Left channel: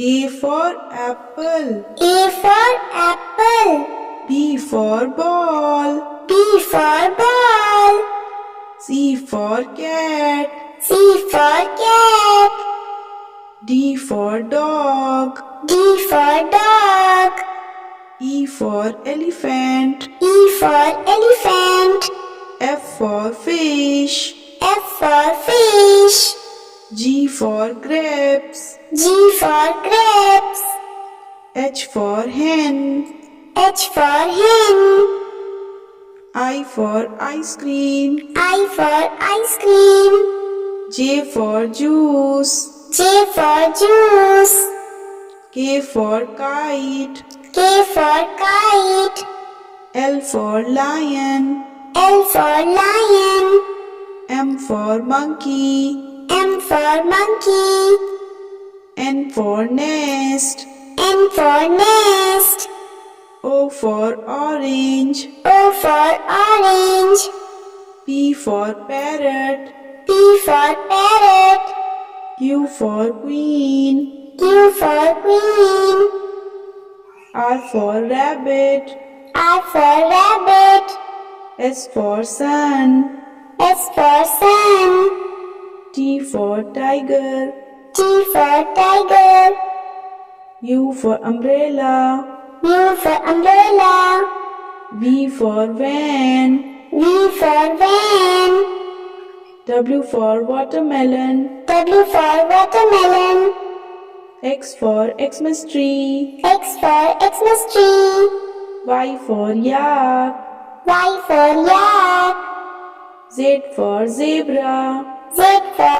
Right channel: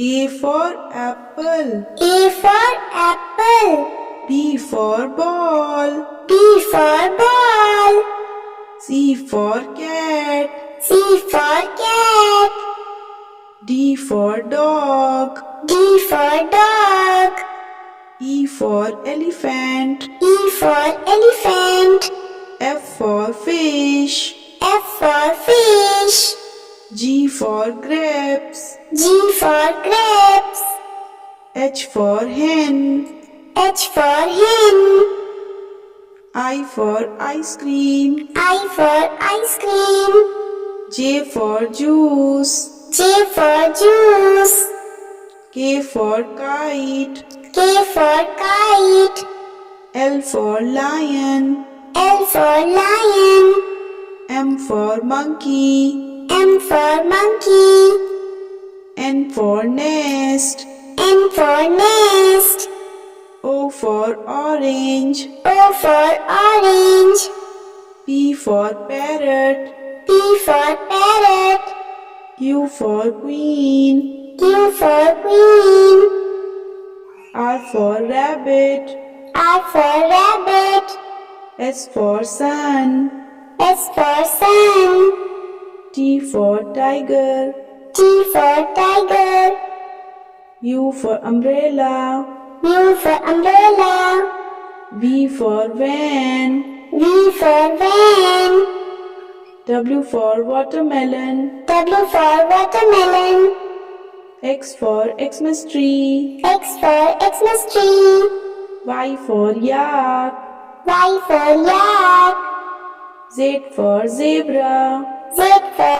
A for apple. A for apple. B for ball. B for ball. C for cat. C for cat. D for dog. D for dog. E for elephant. E for elephant. F for fish. F for fish. G for grapes. G for grapes. H for hen. H for hen. I for ice cream. I for ice cream. J for juice. J for juice. K for kite. K for kite. L for lion. L for lion. M for monkey. M for monkey. N for nest. N for nest. O for orange. O for orange. P for parrot. P for parrot. Q for queen. Q for queen. R for rabbit. R for rabbit. S for sun. S for sun. T for tiger. T for tiger. U for umbrella. U for umbrella. V for van. V for van. W for watermelon. W for watermelon. X for Xmas tree. X for Xmas tree. Y for yak. Y for yak. Z for zebra. Z for